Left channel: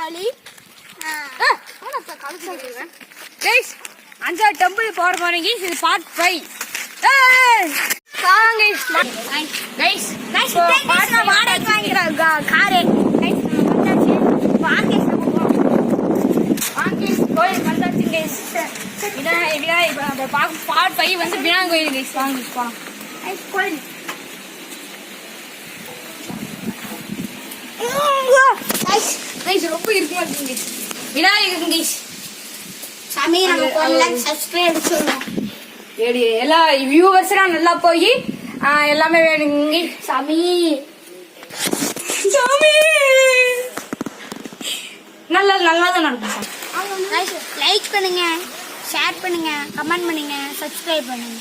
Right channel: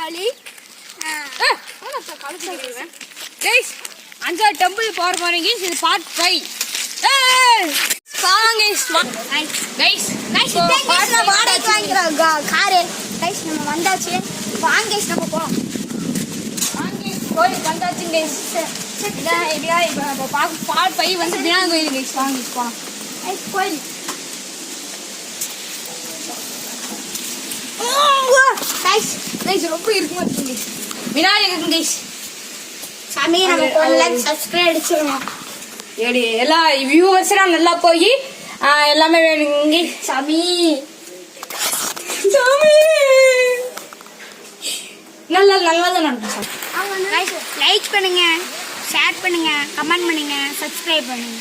வழி கைஸ் அஞ்சாவது டெம்பிள் போற போறீங்க. இது பார்ட் 5. வாடகை வாங்கிக்கிறோம் காரு. கைஸ் நம்ம வந்தாச்சு. வாங்கேஷ் நம்ம போவோம். வாங்கேஷ் கோயில் வந்தாச்சு கைஸ். பார்ட் 5 வந்து விநாயகர் கோயில் கைஸ். வாங்க போலாம். கோயில் ரொம்ப இருக்க மாட்டேங்குது விநாயகர் கைஸ். சாமி நமக்கு 1 லைக் சப்ஸ்கிரைப் அடிச்சிருவோம். எல்லா வியூவர்ஸ்லாம் நல்லா போய் எல்லாமே வேணுங்க சாமி. சாமி நல்லா தான் நடக்கும். லைக் பண்ணுங்க, ஷேர் பண்ணுங்க, கமெண்ட் பண்ணுங்க, சப்ஸ்கிரைப் பண்ணுங்க.